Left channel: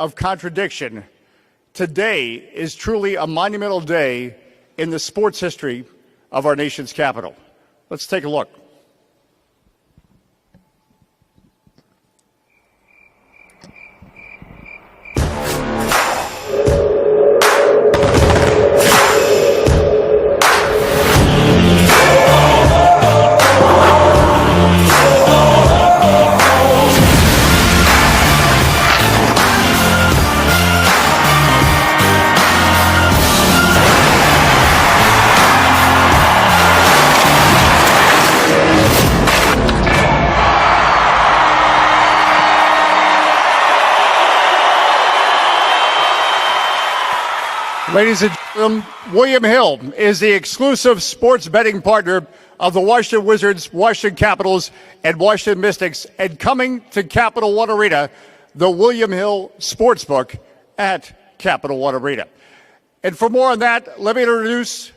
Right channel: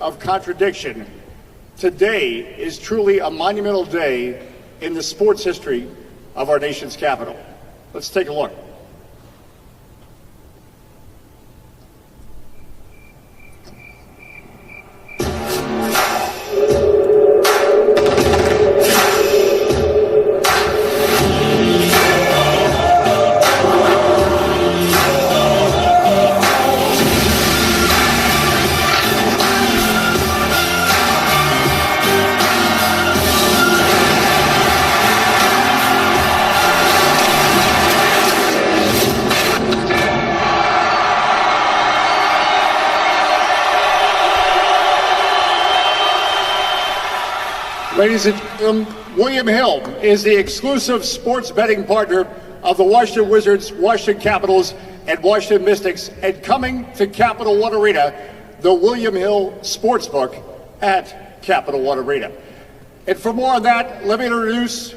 of contradiction, today is truly a monumental day in the sports history of our nation's capital. Let's take a look. Ladies and gentlemen, William Hill is the exclusive sports betting partner of the Washington Wizards, Washington Capitals, and Washington Mystics, and coming to Capital One Arena, the William Hill Sportsbook at Capital One Arena. And for more on that, let me introduce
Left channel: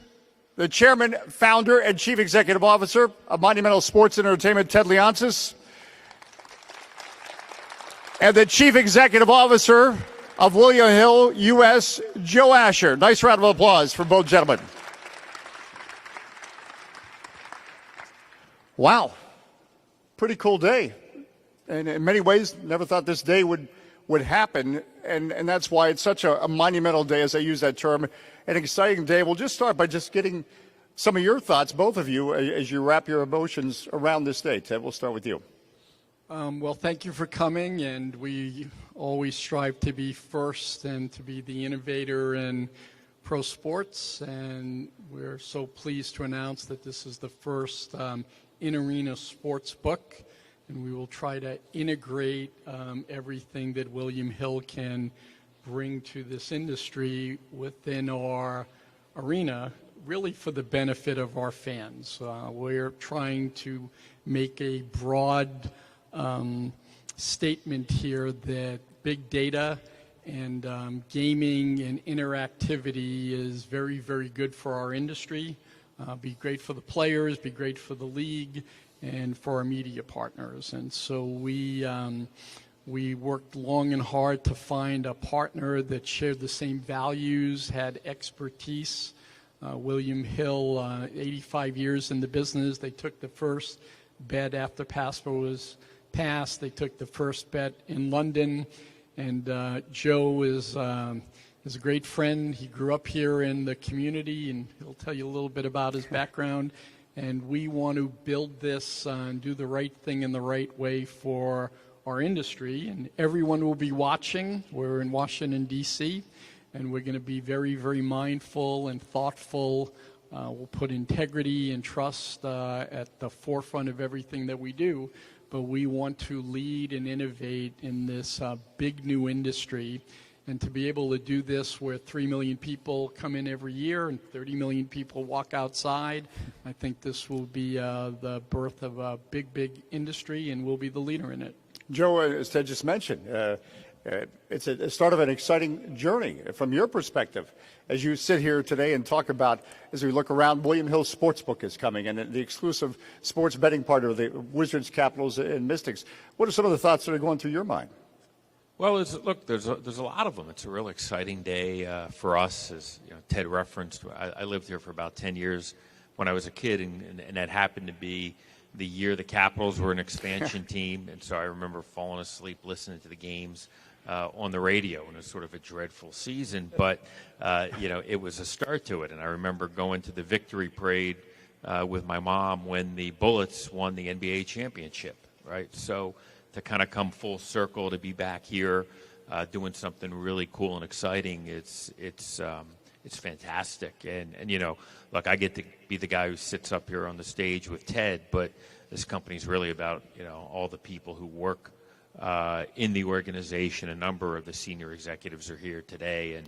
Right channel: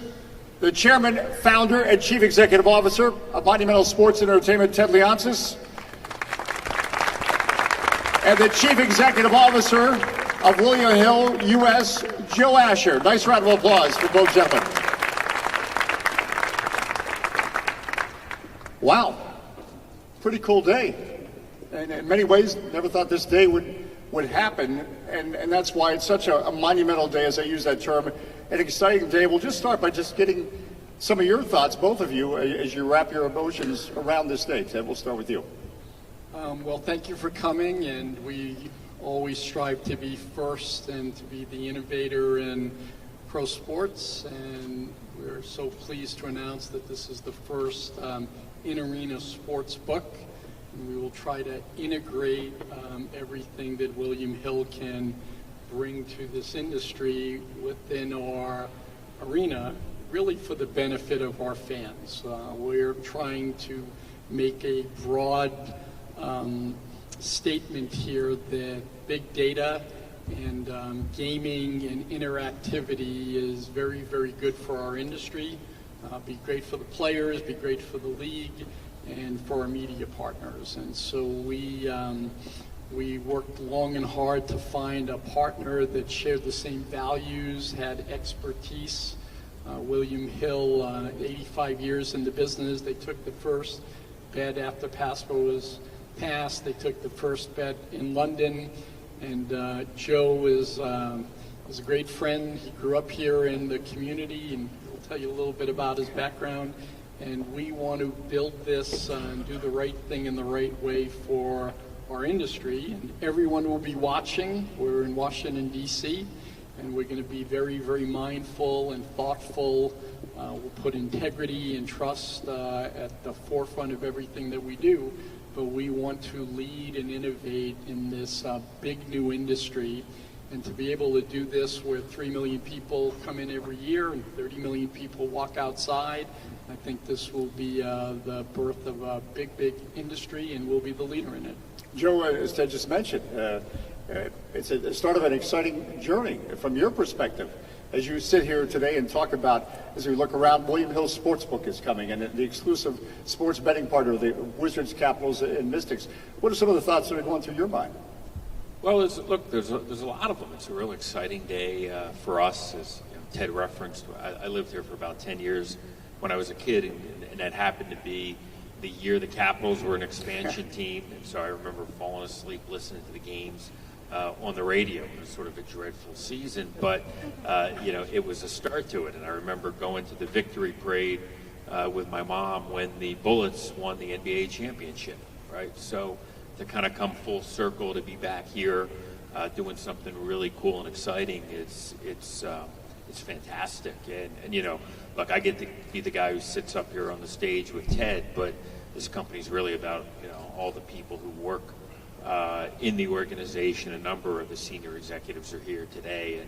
the Chairman, Founder, and Chief Executive Officer of Monumental Sports and Entertainment, Ted Leonsis, and the Chief Executive Officer of William Hill U.S., Joe Asher. Nice round of applause for both gentlemen. Wow, pretty cool day. And in many ways, never thought this day would happen. And that's why it's such a monumental day, as I use that term, an exciting day. We'll just start by just getting some of your thoughts, both of you, as you wrap your emotions around this day. Ted, we'll start with you. Well, thank you for coming, and we always strive to be first and to be the innovator in pro sports, and we're so pleased to announce that this is the first in-arena sports book, and we will try to integrate everything that William Hill can bring to this industry within our arena, really for the benefit of our fans. We're trying to make a broad statement here that big data and gaming and interactivity is very, very good for our industry. Be great for the players, be great for the league, and for our media partners. And so we worked long and hard to find a partner that shared the same values, had expertise. William Hill, 85 years in the business. They took the first bet after PASPA was passed. They took the first bet in London, and Joe is a great friend. He grew up here in the community, and he'll tell you a little bit about his background. And we want to build this and do the right thing in the right way for our industry. And everyone will be watching. We're in Washington, D.C., and we're going to be very, very mindful and thoughtful. We'll put integrity and trust at the forefront of everything that we do. But we want to lead and innovate in this big new industry. And to be able to do this where 3 million people come in every year and 30 million people walk outside, I think this will be the birth of a big, big industry, and we'll be the leader in it. Joe, as Ted just mentioned, it's sort of an exciting journey from your perspective. As you sit here today and talk about, as we look around, William Hill Sportsbook is coming, and the exclusive sports betting partner of the Wizards, Capitals, and Mystics. What are some of the thoughts that are going through your mind? Well, there's a lot of them. It's a real exciting day for us. As Ted referenced, I lived here for about 10 years when I was a kid, and that happened to be the year the Capitals were an expansion team, and so I remember falling asleep listening to the games on the radio. It was sort of a dreadful season, but it was a start to it. And I remember going to the victory parade with my mom when the Bullets won the NBA championship, right? So to kind of come full circle, to be back here doing something really cool and exciting, it's fantastic. And look, I get to be the guy who sits up here on the stage with Ted, but this company's really about all the people who work in the organization. A number of the senior executives are here today,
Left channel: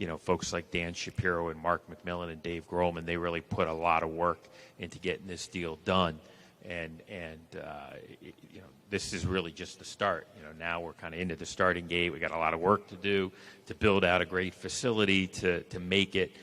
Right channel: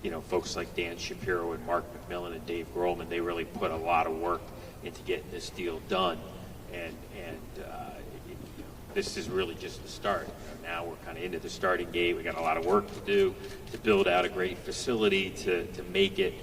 and folks like Dan Shapiro and Mark McMillan and Dave Grohlman, they really put a lot of work into getting this deal done, and this is really just the start. Now we're kind of into the starting gate. We got a lot of work to do to build out a great facility to make it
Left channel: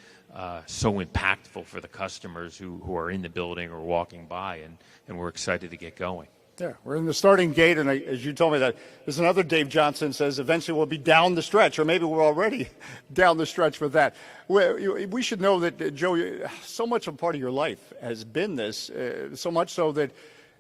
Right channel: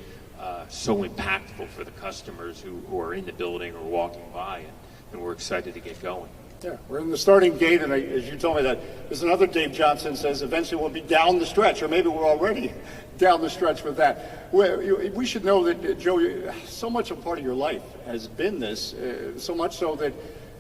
so impactful for the customers who are in the building or walking by, and we're excited to get going. Yeah, we're in the starting gate, and as you told me that, there's another Dave Johnson says eventually we'll be down the stretch, or maybe we're already down the stretch with that. We should know that, Joe, so much a part of your life has been this, so much so that,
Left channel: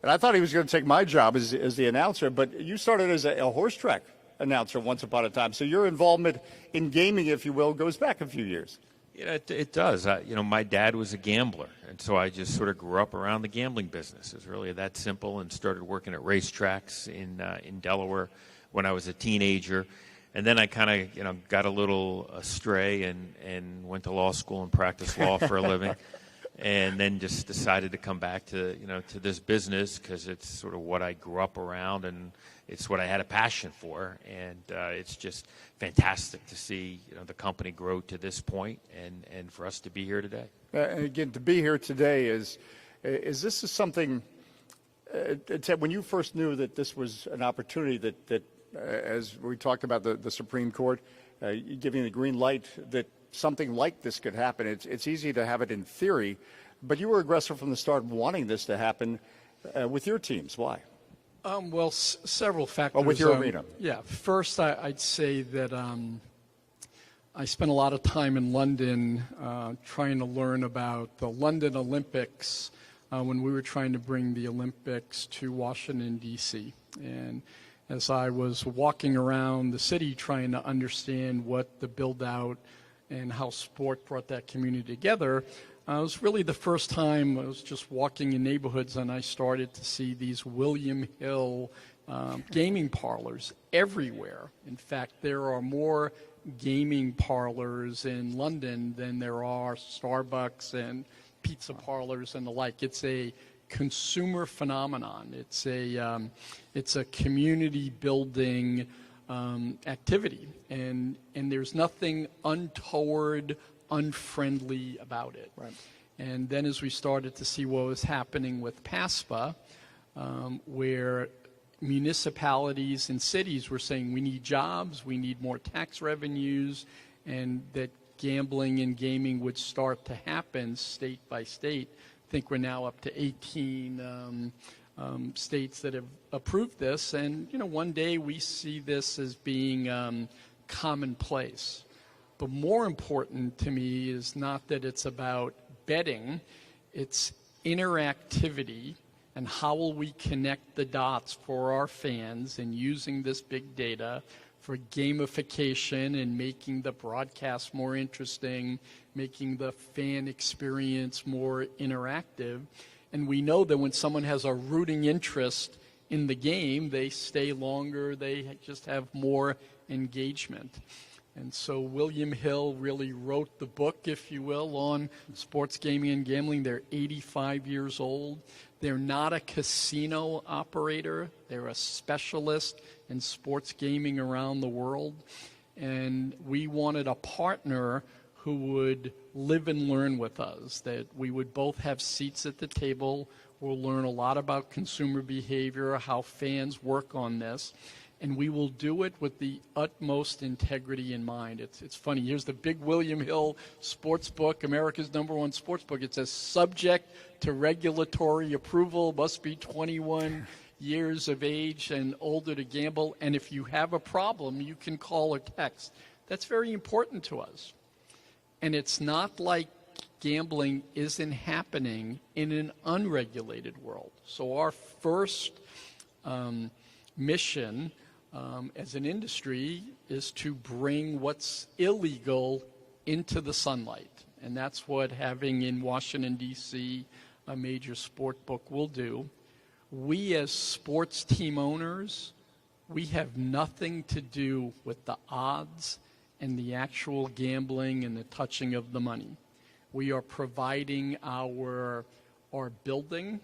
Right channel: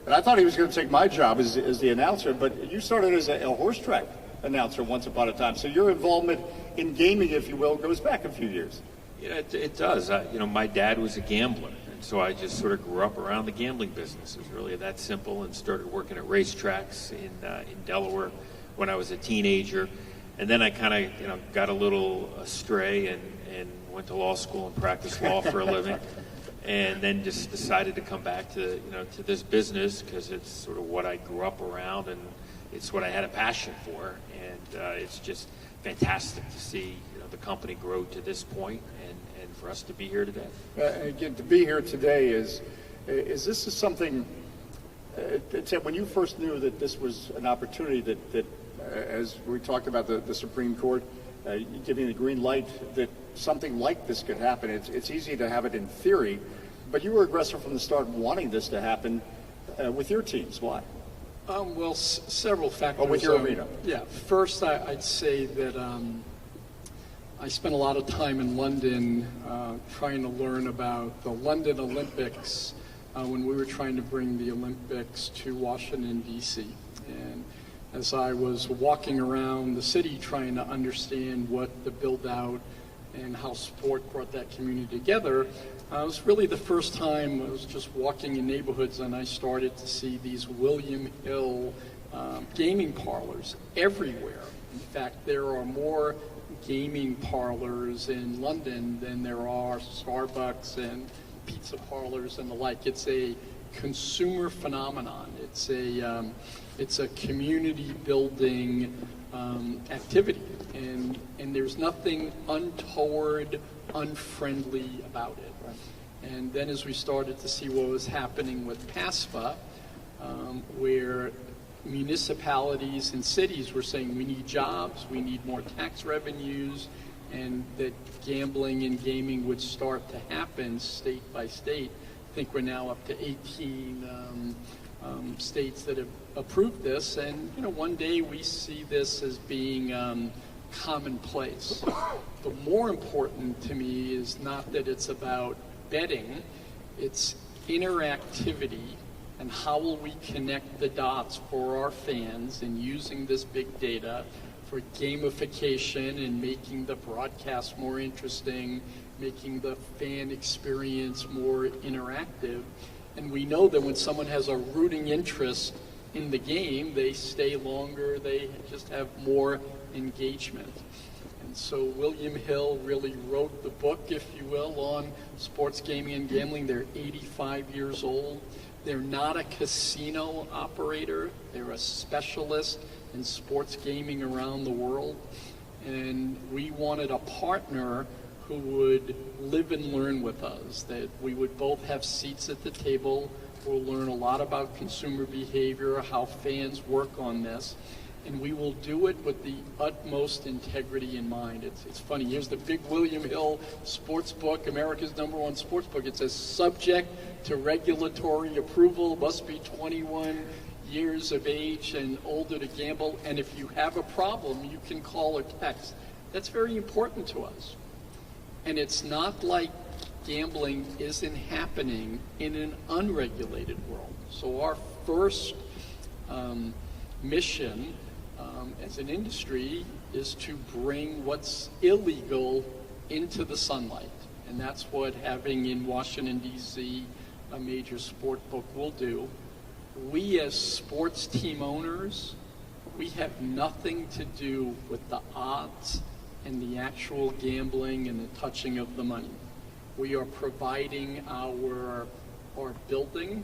and I thought he was going to take my job as the announcer, but you started as a horse track announcer once upon a time, so your involvement in gaming, if you will, goes back a few years. Yeah, it does. My dad was a gambler. So I just sort of grew up around the gambling business. It was really that simple, and started working at racetracks in Delaware when I was a teenager. And then I kind of got a little astray and went to law school and practiced law for a living. And then just decided to come back to to this business because it's sort of what I grew up around and it's what I had a passion for. And it's just fantastic to see the company grow to this point and for us to be here today. And again, to be here today is something, Ted, when you first knew that this was an opportunity that as we talked about the Supreme Court giving a green light that something like this could happen, it's easy to have it in theory, but you were aggressive from the start wanting this to happen with your teams. Why? Well, several factors. Oh, with your arena. Yeah. First, I'd say that I spent a lot of time in London trying to learn about the London Olympics when we were trying to bring the Olympics to Washington, D.C. And as I was walking around the city trying to understand what the build-out and how sport brought that community together, it was really the first time I was just walking in neighborhoods and I started to see these William Hill gaming parlors everywhere. In fact, there are more gaming parlors in London than there are Starbucks and pizza parlors and the like. It's a consumer phenomenon. It's a community building activity, and there's nothing untoward, unfriendly about it. Right. And then as we started to see what was happening with PASPA, where municipalities and cities were saying we need jobs, we need more tax revenues, and that gambling and gaming would start to happen state by state. I think we're now up to 18 states that have approved this, and one day we see this as being commonplace. But more important to me is not that it's about betting, it's interactivity. And how will we connect the dots for our fans in using this big data for gamification and making the broadcast more interesting, making the fan experience more interactive. And we know that when someone has a rooting interest in the game, they stay longer, they just have more engagement. And so William Hill really wrote the book, if you will, on sports gaming and gambling. They're 85 years old. They're not a casino operator. They're a specialist in sports gaming around the world. And we wanted a partner who would live and learn with us, that we would both have seats at the table. We'll learn a lot about consumer behavior, how fans work on this. And we will do it with the utmost integrity in mind. It's funny, here's the big William Hill sports book, America's #1 sports book. It says, subject to regulatory approval, must be 21 years of age and older to gamble, and if you have a problem, you can call or text. That's very important to us. And it's not like gambling isn't happening in an unregulated world. So our first mission as an industry is to bring what's illegal into the sunlight. And that's what having in Washington, D.C. a major sport book will do. We as sports team owners, we have nothing to do with the odds and the actual gambling and the touching of the money. We are providing our building.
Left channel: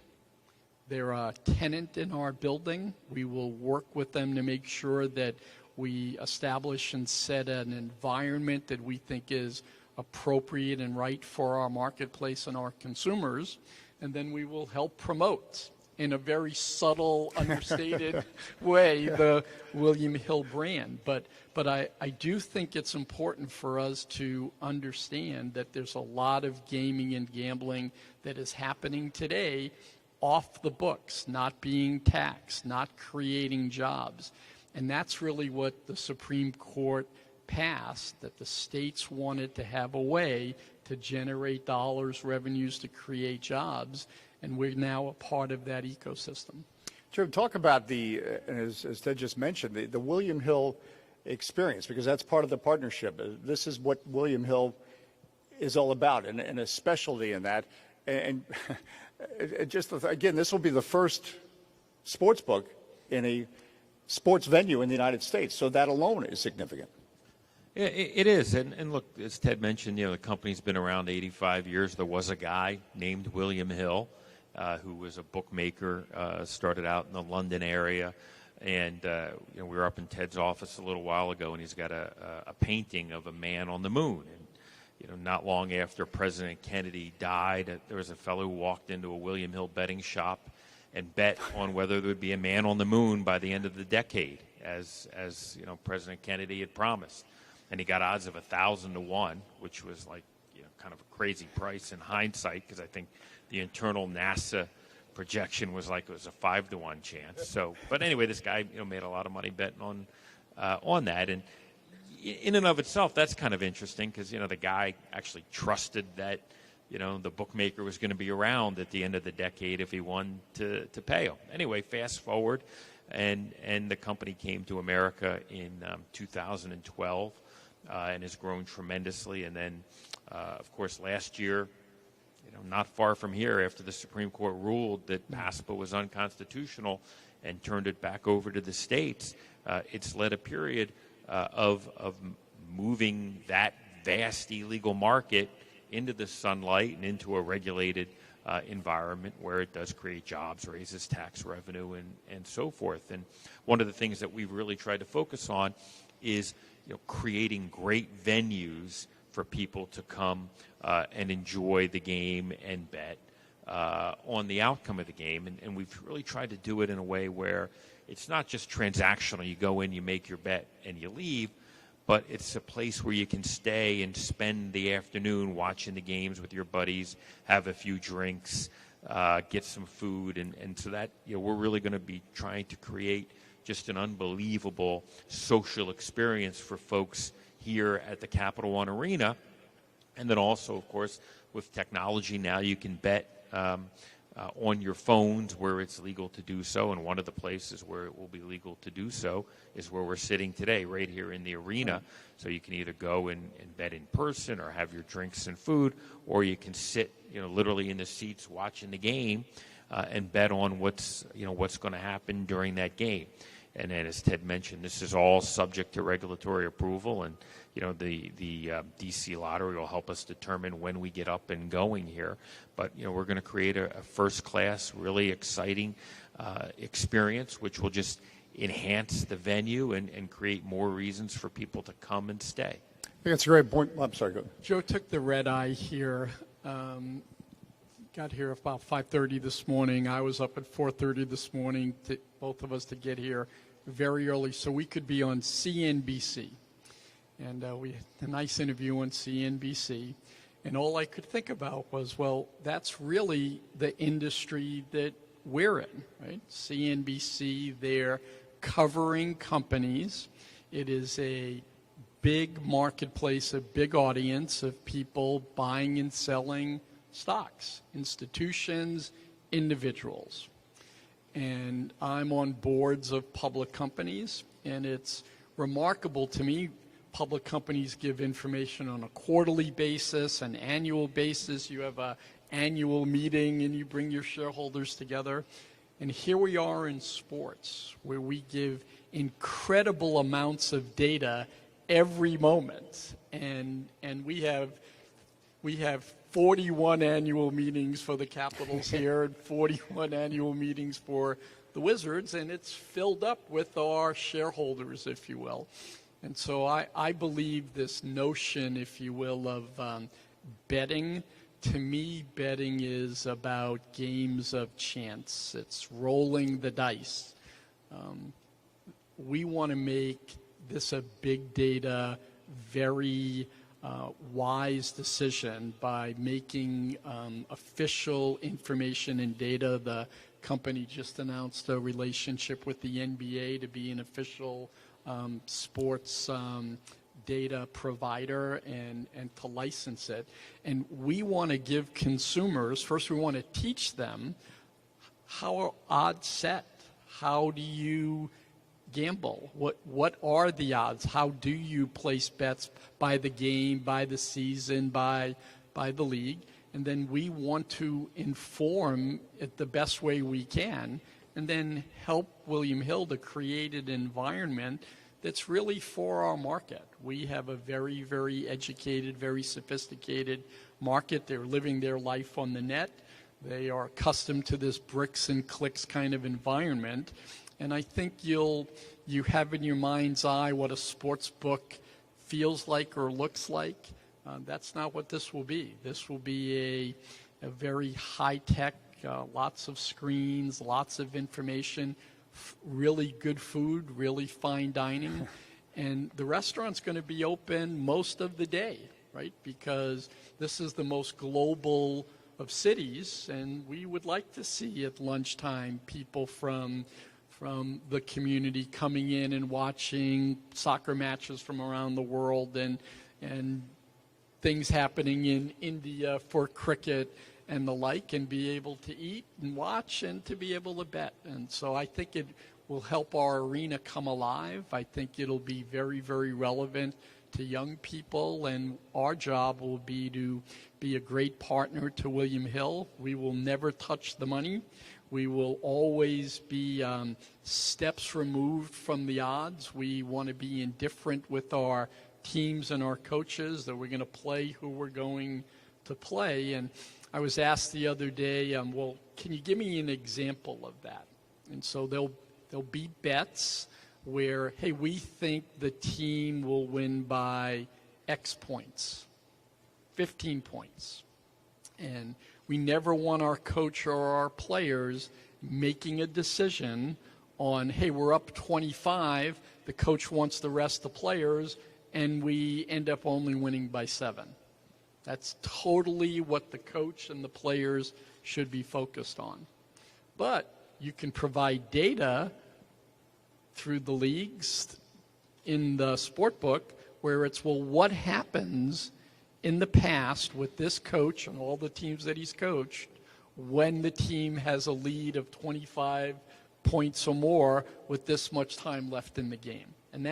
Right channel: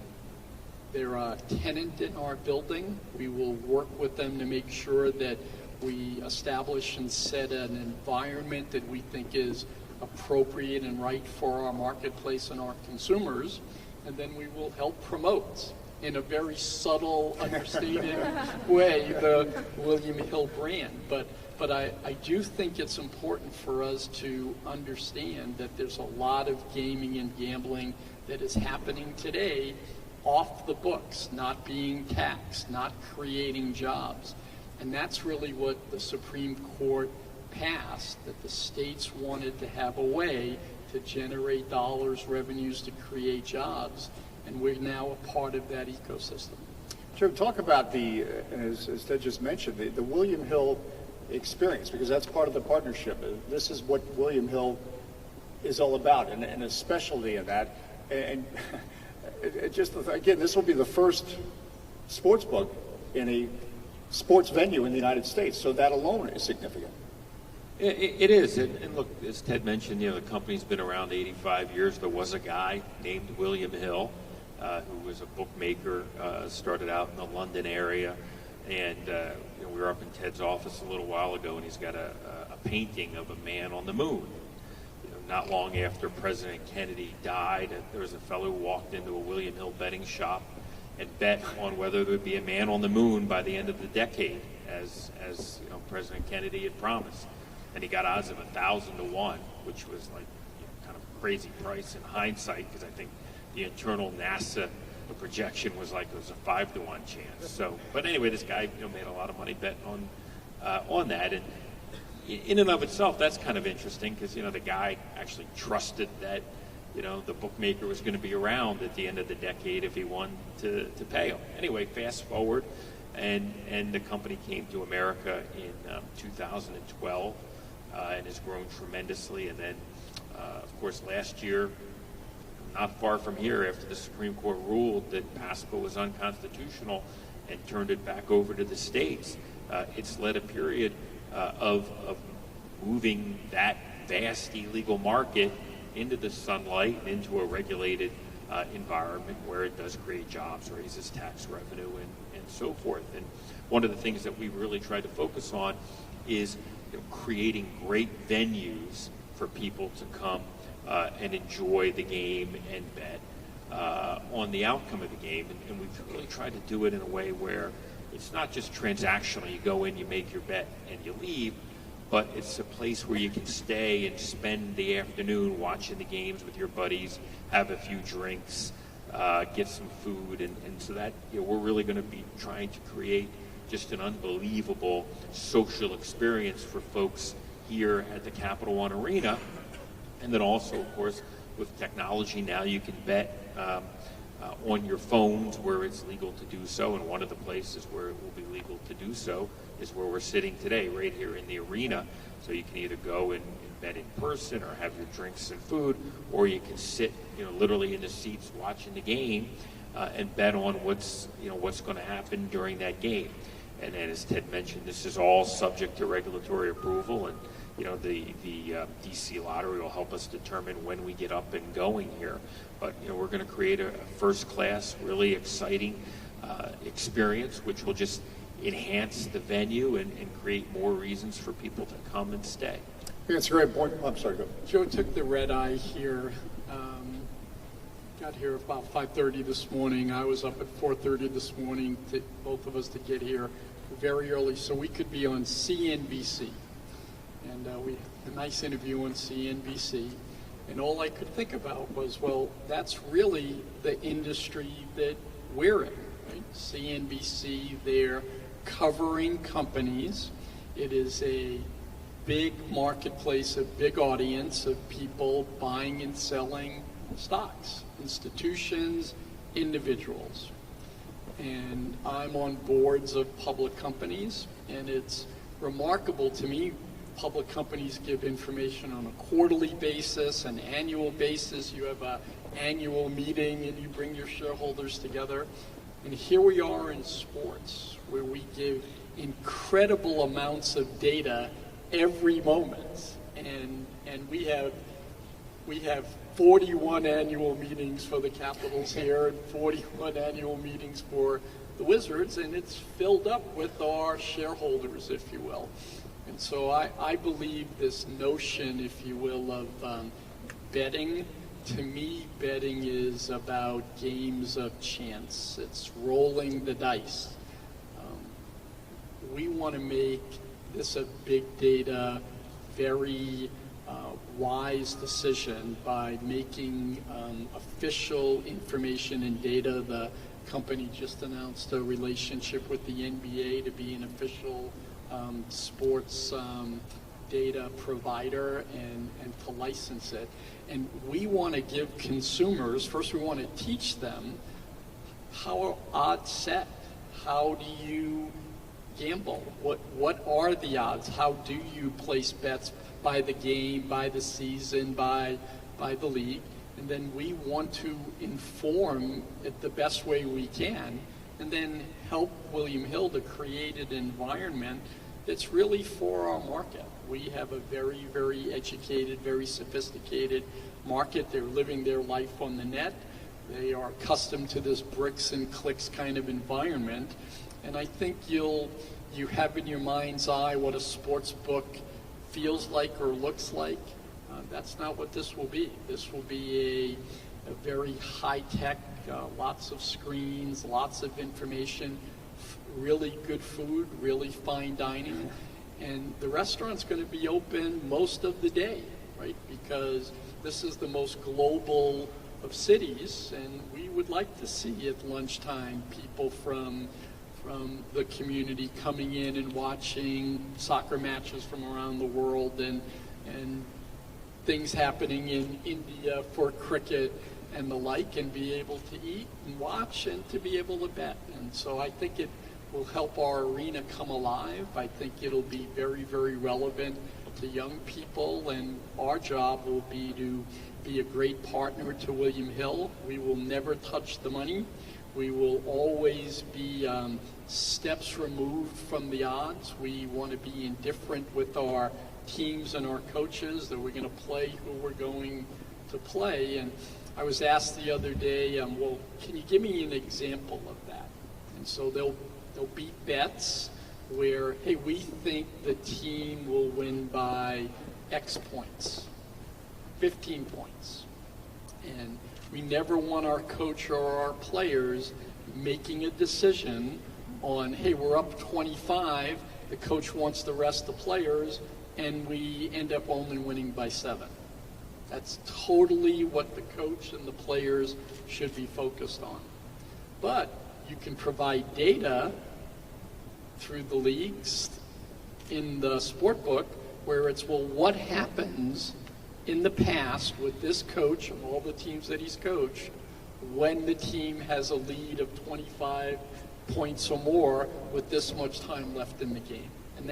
They're a tenant in our building. We will work with them to make sure that we establish and set an environment that we think is appropriate and right for our marketplace and our consumers. And then we will help promote in a very subtle, understated way the William Hill brand. But I do think it's important for us to understand that there's a lot of gaming and gambling that is happening today off the books, not being taxed, not creating jobs. And that's really what the Supreme Court passed, that the states wanted to have a way to generate dollars, revenues, to create jobs, and we're now a part of that ecosystem. Joe, talk about the, as Ted just mentioned, the William Hill experience, because that's part of the partnership. This is what William Hill is all about, and a specialty in that. And it just, again, this will be the first sports book in a sports venue in the United States, so that alone is significant. It is, and look, as Ted mentioned, the company's been around 85 years. There was a guy named William Hill who was a bookmaker, started out in the London area, and we were up in Ted's office a little while ago, and he's got a painting of a man on the moon. Not long after President Kennedy died, there was a fellow who walked into a William Hill betting shop and bet on whether there would be a man on the moon by the end of the decade, as President Kennedy had promised. And he got odds of 1,000 to 1, which was like kind of a crazy price in hindsight, because I think the internal NASA projection was like it was a 5 to 1 chance. So, but anyway, this guy made a lot of money betting on that. And in and of itself, that's kind of interesting, because the guy actually trusted that the bookmaker was going to be around at the end of the decade if he wanted to pay him. Anyway, fast forward, and the company came to America in 2012 and has grown tremendously. And then, of course, last year, not far from here, after the Supreme Court ruled that PASPA was unconstitutional and turned it back over to the states, it's led a period of moving that vast illegal market into the sunlight and into a regulated environment where it does create jobs, raises tax revenue, and so forth. And one of the things that we really try to focus on is creating great venues for people to come and enjoy the game and bet on the outcome of the game. And we've really tried to do it in a way where it's not just transactional. You go in, you make your bet, and you leave, but it's a place where you can stay and spend the afternoon watching the games with your buddies, have a few drinks, get some food, and so that we're really going to be trying to create just an unbelievable social experience for folks here at the Capital One Arena. And then also, of course, with technology now, you can bet on your phones where it's legal to do so, and one of the places where it will be legal to do so is where we're sitting today, right here in the arena. So you can either go and bet in person or have your drinks and food, or you can sit literally in the seats watching the game and bet on what's going to happen during that game. And as Ted mentioned, this is all subject to regulatory approval, and the DC Lottery will help us determine when we get up and going here. But we're going to create a first-class, really exciting experience, which will just enhance the venue and create more reasons for people to come and stay. I think that's a great point. I'm sorry, go ahead. Joe took the red eye here. Got here about 5:30 this morning. I was up at 4:30 this morning, both of us to get here very early so we could be on CNBC. And we had a nice interview on CNBC. And all I could think about was, well, that's really the industry that we're in, right? CNBC, they're covering companies. It is a big marketplace, a big audience of people buying and selling stocks, institutions, individuals. And I'm on boards of public companies, and it's remarkable to me. Public companies give information on a quarterly basis, an annual basis. You have an annual meeting and you bring your shareholders together. And here we are in sports, where we give incredible amounts of data every moment. And we have 41 annual meetings for the Capitals here, 41 annual meetings for the Wizards, and it's filled up with our shareholders, if you will. And so I believe this notion, if you will, of betting. To me, betting is about games of chance. It's rolling the dice. We want to make this a big data, very wise decision by making official information and data. The company just announced a relationship with the NBA to be an official sports data provider and to license it. And we want to give consumers, first we want to teach them how are odds set. How do you gamble? What are the odds? How do you place bets by the game, by the season, by the league? And then we want to inform it the best way we can, and then help William Hill to create an environment that's really for our market. We have a very, very educated, very sophisticated market. They're living their life on the net. They are accustomed to this bricks and clicks kind of environment. And I think you have in your mind's eye what a sports book feels like or looks like. That's not what this will be. This will be a very high-tech, lots of screens, lots of information, really good food, really fine dining. And the restaurant's going to be open most of the day, right? Because this is the most global of cities, and we would like to see at lunchtime people from the community coming in and watching soccer matches from around the world and things happening in India for cricket and the like, and be able to eat and watch and to be able to bet. And so I think it will help our arena come alive. I think it'll be very, very relevant to young people, and our job will be to be a great partner to William Hill. We will never touch the money. We will always be steps removed from the odds. We want to be indifferent with our teams and our coaches, that we're going to play who we're going to play. And I was asked the other day, well, can you give me an example of that? And so they'll be bets where, hey, we think the team will win by X points, 15 points. And we never want our coach or our players making a decision on, hey, we're up 25, the coach wants the rest of the players, and we end up only winning by 7. That's totally what the coach and the players should be focused on. But you can provide data through the leagues in the sport book where it's, well, what happens in the past with this coach and all the teams that he's coached when the team has a lead of 25 points or more with this much time left in the game. And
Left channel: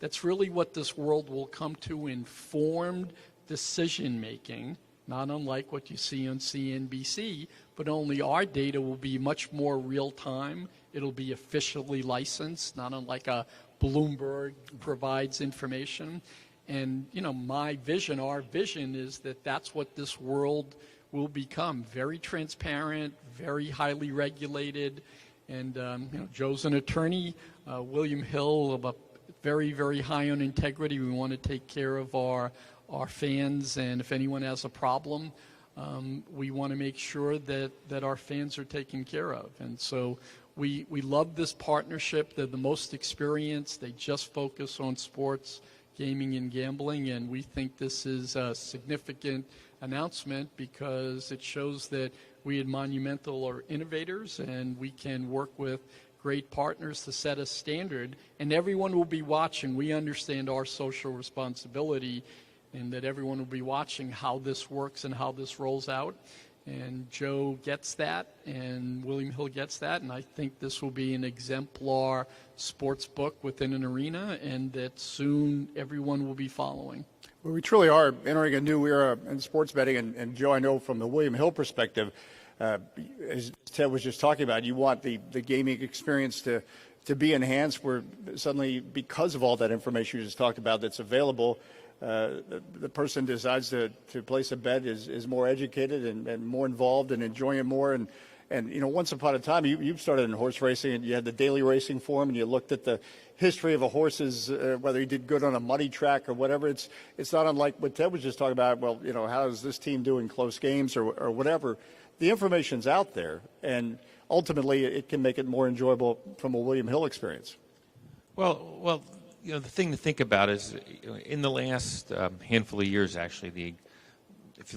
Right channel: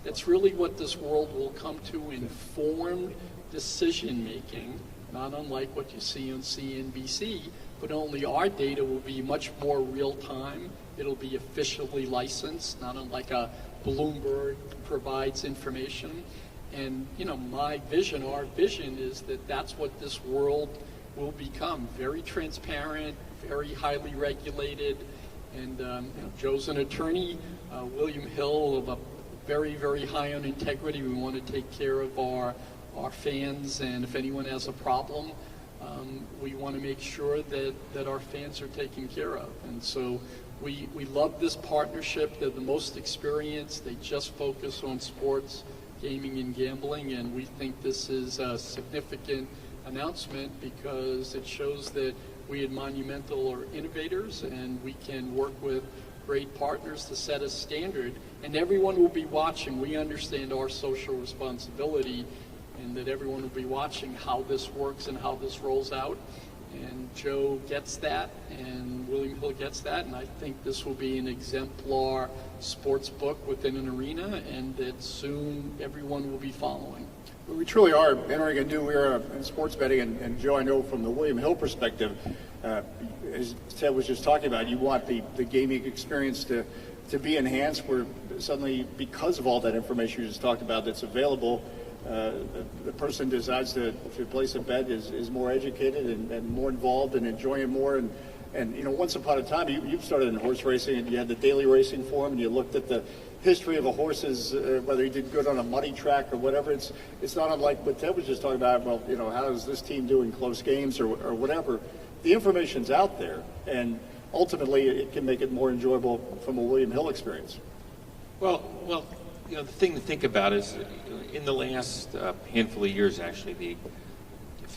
that's really what this world will come to, informed decision-making, not unlike what you see on CNBC, but only our data will be much more real-time. It'll be officially licensed, not unlike a Bloomberg provides information. And, my vision, our vision is that that's what this world will become. Very transparent, very highly regulated. And, Joe's an attorney. William Hill, very, very high on integrity. We want to take care of our fans, and if anyone has a problem, we want to make sure that our fans are taken care of. And so we love this partnership. They're the most experienced. They just focus on sports, gaming, and gambling, and we think this is a significant announcement because it shows that we at Monumental are innovators, and we can work with great partners to set a standard, and everyone will be watching. We understand our social responsibility, and that everyone will be watching how this works and how this rolls out. And Joe gets that, and William Hill gets that, and I think this will be an exemplar sports book within an arena, and that soon everyone will be following. We truly are entering a new era in sports betting, and Joe, I know from the William Hill perspective, as Ted was just talking about, you want the gaming experience to be enhanced, where suddenly, because of all that information you just talked about that's available, the person who decides to place a bet is more educated and more involved and enjoying it more. And once upon a time, you started in horse racing, and you had the daily racing form, and you looked at the history of a horse's, whether he did good on a money track or whatever. It's not unlike what Ted was just talking about. Well, how does this team do in close games or whatever? The information's out there, and ultimately it can make it more enjoyable from a William Hill experience. Well, the thing to think about is in the last handful of years, actually, if you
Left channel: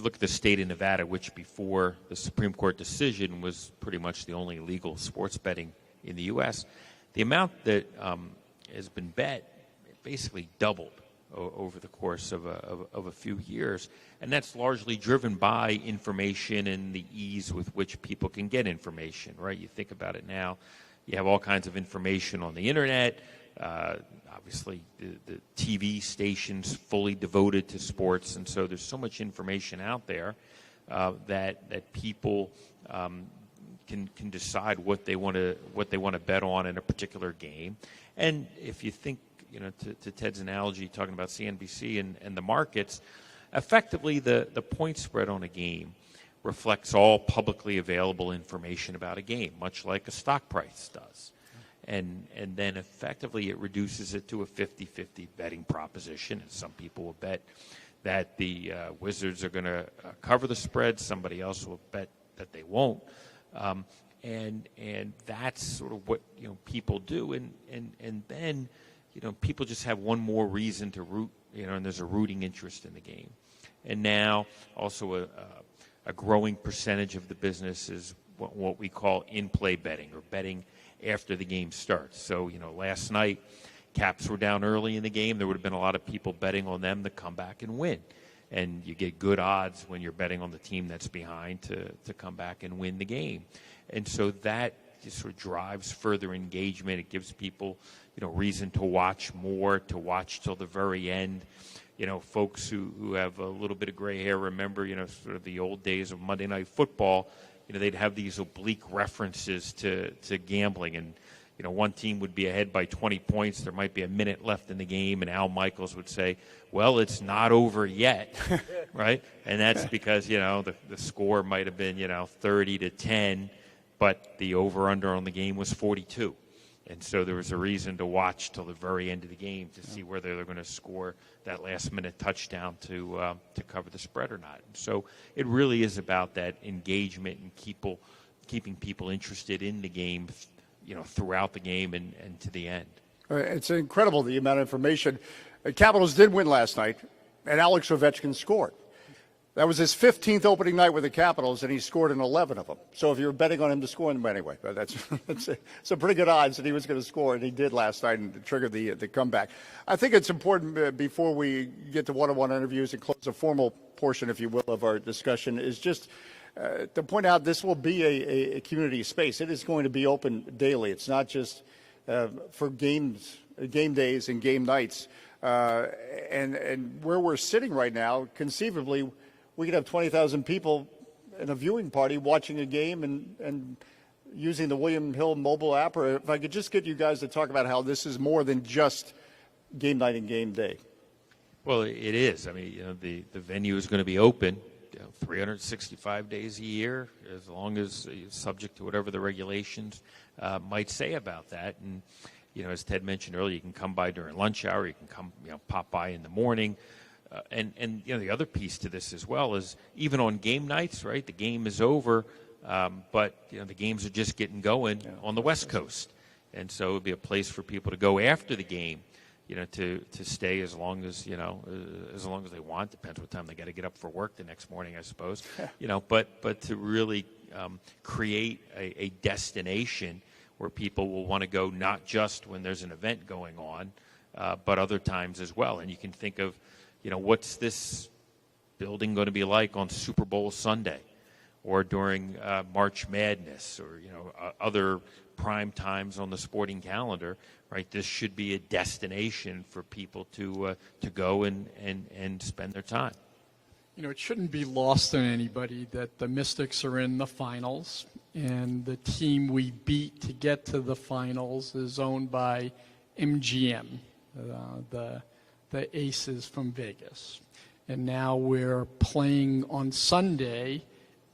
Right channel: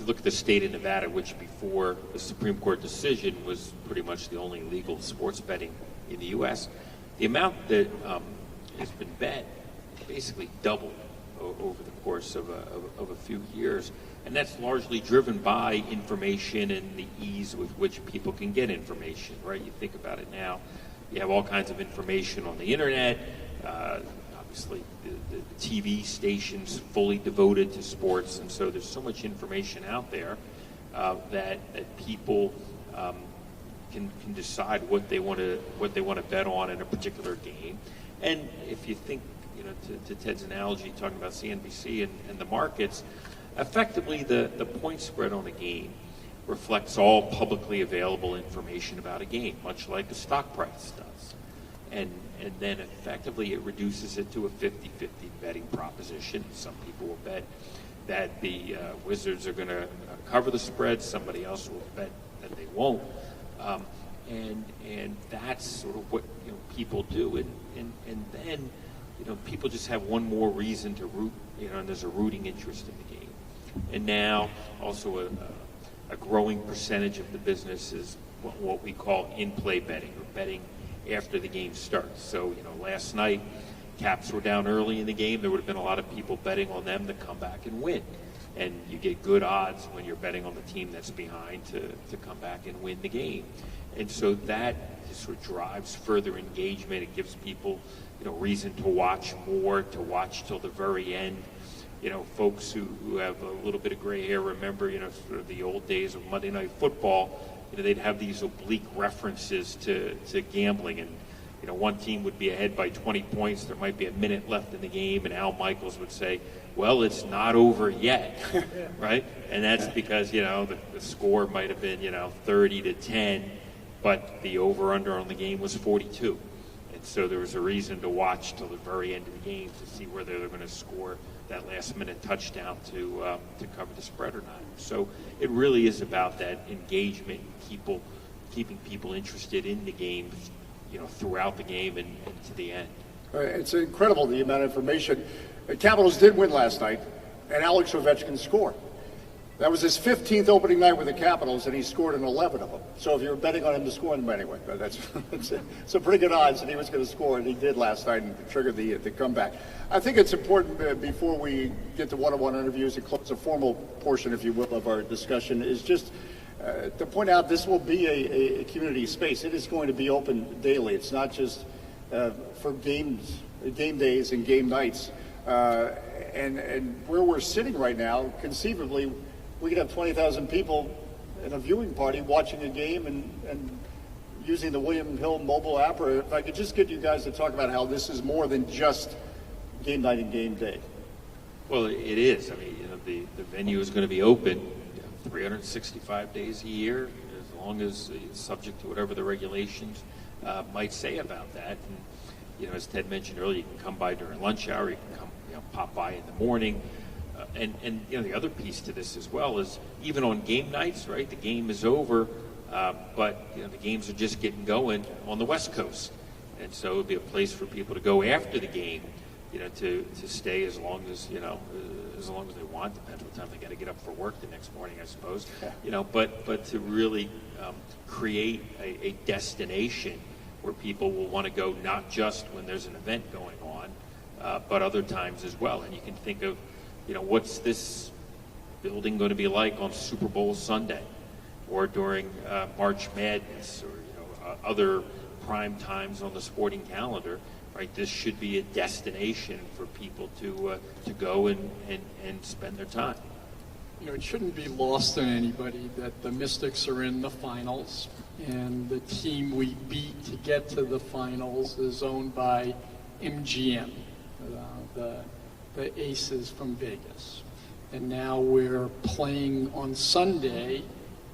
look at the state of Nevada, which before the Supreme Court decision was pretty much the only legal sports betting in the U.S., the amount that has been bet basically doubled over the course of a few years. And that's largely driven by information and the ease with which people can get information, right? You think about it now, you have all kinds of information on the internet. Obviously, the TV stations fully devoted to sports, and so there's so much information out there that people can decide what they want to bet on in a particular game. And if you think, to Ted's analogy, talking about CNBC and the markets, effectively the point spread on the game reflects all publicly available information about a game, much like a stock price does. And then effectively it reduces it to a 50-50 betting proposition. Some people will bet that the Wizards are going to cover the spread. Somebody else will bet that they won't. And that's sort of what people do. And then people just have one more reason to root. And there's a rooting interest in the game. And now also a growing percentage of the business is what we call in-play betting, or betting after the game starts. So, last night, Caps were down early in the game. There would have been a lot of people betting on them to come back and win. And you get good odds when you're betting on the team that's behind to come back and win the game. And so that sort of drives further engagement. It gives people, reason to watch more, to watch till the very end. Folks who have a little bit of gray hair remember, sort of the old days of Monday Night Football. They'd have these oblique references to gambling, and one team would be ahead by 20 points. There might be a minute left in the game, and Al Michaels would say, "Well, it's not over yet," right? And that's because the score might have been 30-10, but the over/under on the game was 42, and so there was a reason to watch till the very end of the game to see whether they were going to score that last-minute touchdown to cover the spread or not. So it really is about that engagement and keeping people interested in the game, throughout the game and to the end. It's incredible the amount of information. The Capitals did win last night, and Alex Ovechkin scored. That was his 15th opening night with the Capitals, and he scored in 11 of them. So if you're betting on him to score, anyway, that's a pretty good odds that he was going to score, and he did last night and trigger the comeback. I think it's important before we get to one-on-one interviews and close the formal portion, if you will, of our discussion, is just to point out this will be a community space. It is going to be open daily. It's not just for game days and game nights. And where we're sitting right now, conceivably, we could have 20,000 people in a viewing party watching a game and using the William Hill mobile app. Or if I could just get you guys to talk about how this is more than just game night and game day. Well, it is. I mean, the venue is going to be open 365 days a year, as long as it's subject to whatever the regulations might say about that. And as Ted mentioned earlier, you can come by during lunch hour. You can come, pop by in the morning. And the other piece to this as well is even on game nights, right? The game is over, but the games are just getting going on the West Coast, and so it'll be a place for people to go after the game, to stay as long as they want. Depends what time they got to get up for work the next morning, I suppose. But to really create a destination where people will want to go, not just when there's an event going on, but other times as well. And you can think of, what's this building going to be like on Super Bowl Sunday, or during March Madness, or other prime times on the sporting calendar, right? This should be a destination for people to go and spend their time. It shouldn't be lost on anybody that the Mystics are in the finals, and the team we beat to get to the finals is owned by MGM, the Aces from Vegas. And now we're playing on Sunday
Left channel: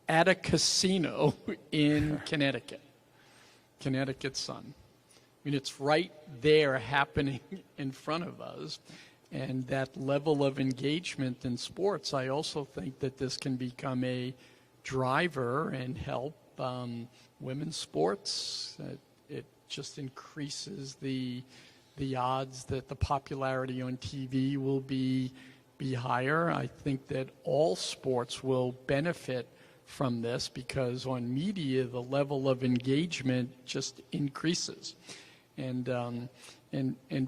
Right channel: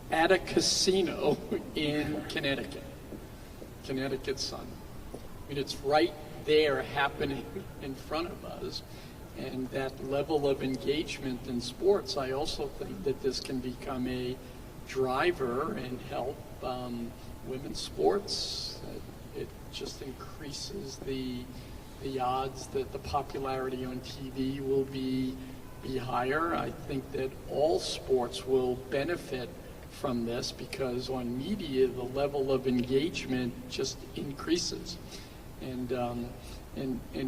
at a casino in Connecticut Sun. I mean, it's right there happening in front of us. And that level of engagement in sports, I also think that this can become a driver and help women's sports. It just increases the the odds that the popularity on TV will be higher. I think that all sports will benefit from this because on media the level of engagement just increases, and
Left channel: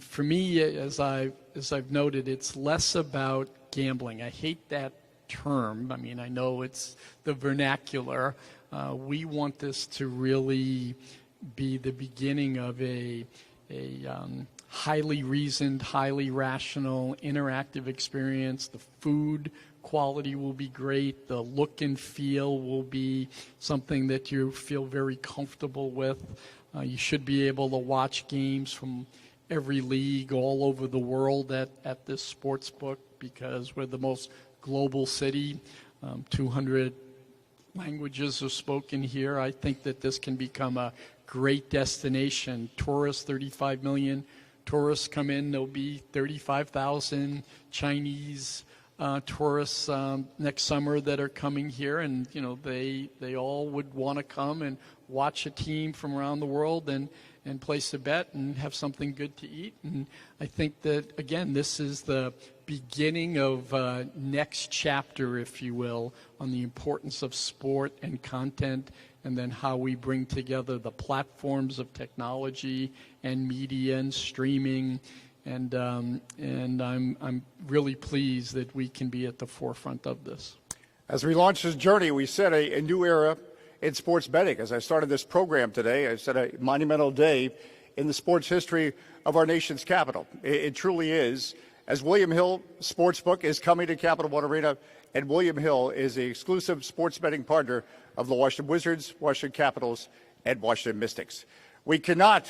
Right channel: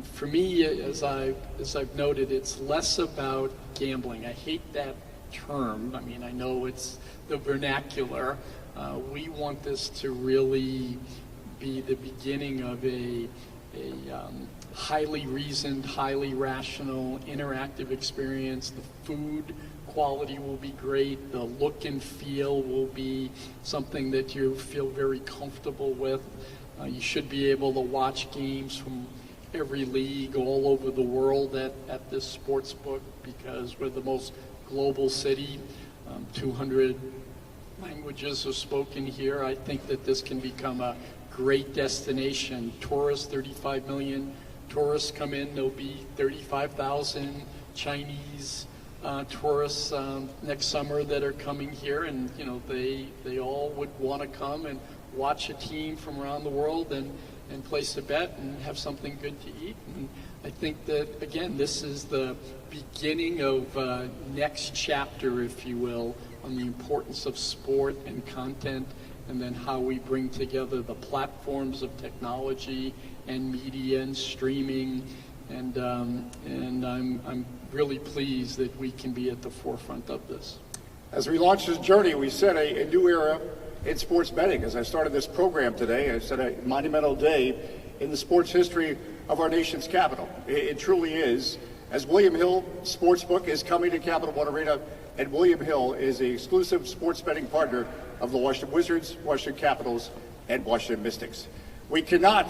for me, as I've noted, it's less about gambling. I hate that term. I mean, I know it's the vernacular. We want this to really be the beginning of a highly reasoned, highly rational, interactive experience. The food quality will be great. The look and feel will be something that you feel very comfortable with. You should be able to watch games from every league all over the world at this sports book because we're the most global city. 200 languages are spoken here. I think that this can become a great destination. Tourists, 35 million tourists come in. There'll be 35,000 Chinese tourists next summer that are coming here, and they all would want to come and watch a team from around the world and place a bet and have something good to eat. And I think that, again, this is the beginning of next chapter, if you will, on the importance of sport and content, and then how we bring together the platforms of technology and media and streaming. And I'm really pleased that we can be at the forefront of this. As we launch this journey, we set a new era in sports betting. As I started this program today, I said a monumental day in the sports history of our nation's capital. It truly is. As William Hill Sportsbook is coming to Capital One Arena, and William Hill is the exclusive sports betting partner of the Washington Wizards, Washington Capitals, and Washington Mystics. We cannot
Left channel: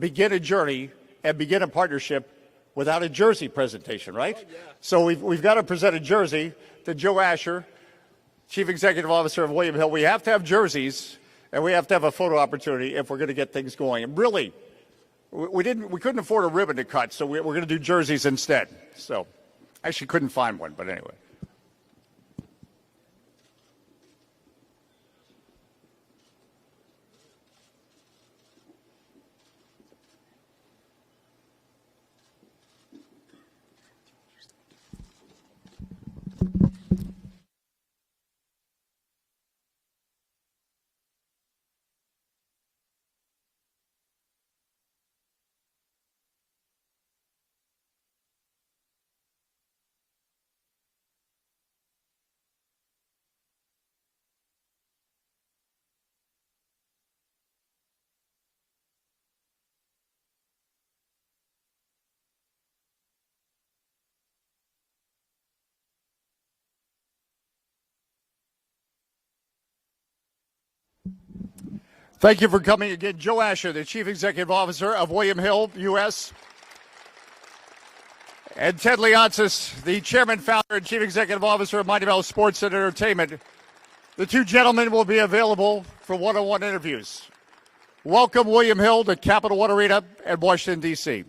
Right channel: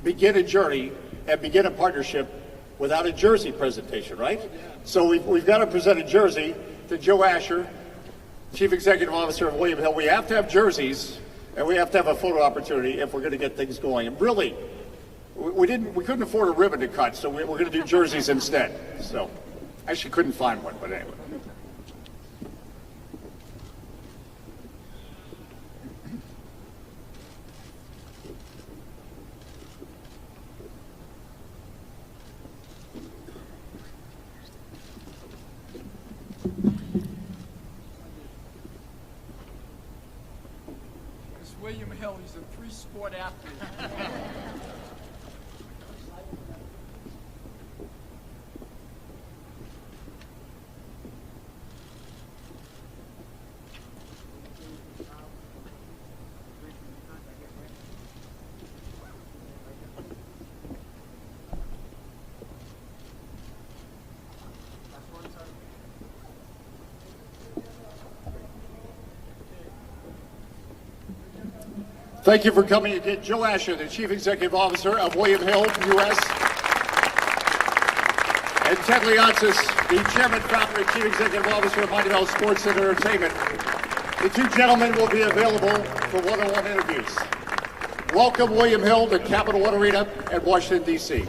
begin a journey and begin a partnership without a jersey presentation, right? So we've got to present a jersey to Joe Asher, Chief Executive Officer of William Hill. We have to have jerseys, and we have to have a photo opportunity if we're going to get things going. And really, we couldn't afford a ribbon to cut, so we're going to do jerseys instead. So, actually couldn't find one, but anyway. William Hill, he's a three-sport athlete. Thank you for coming again. Joe Asher, the Chief Executive Officer of William Hill, U.S. And Ted Leonsis, the Chairman, Founder, and Chief Executive Officer of Mighty Bell Sports and Entertainment. The two gentlemen will be available for one-on-one interviews. Welcome, William Hill, to Capital One Arena in Washington, D.C.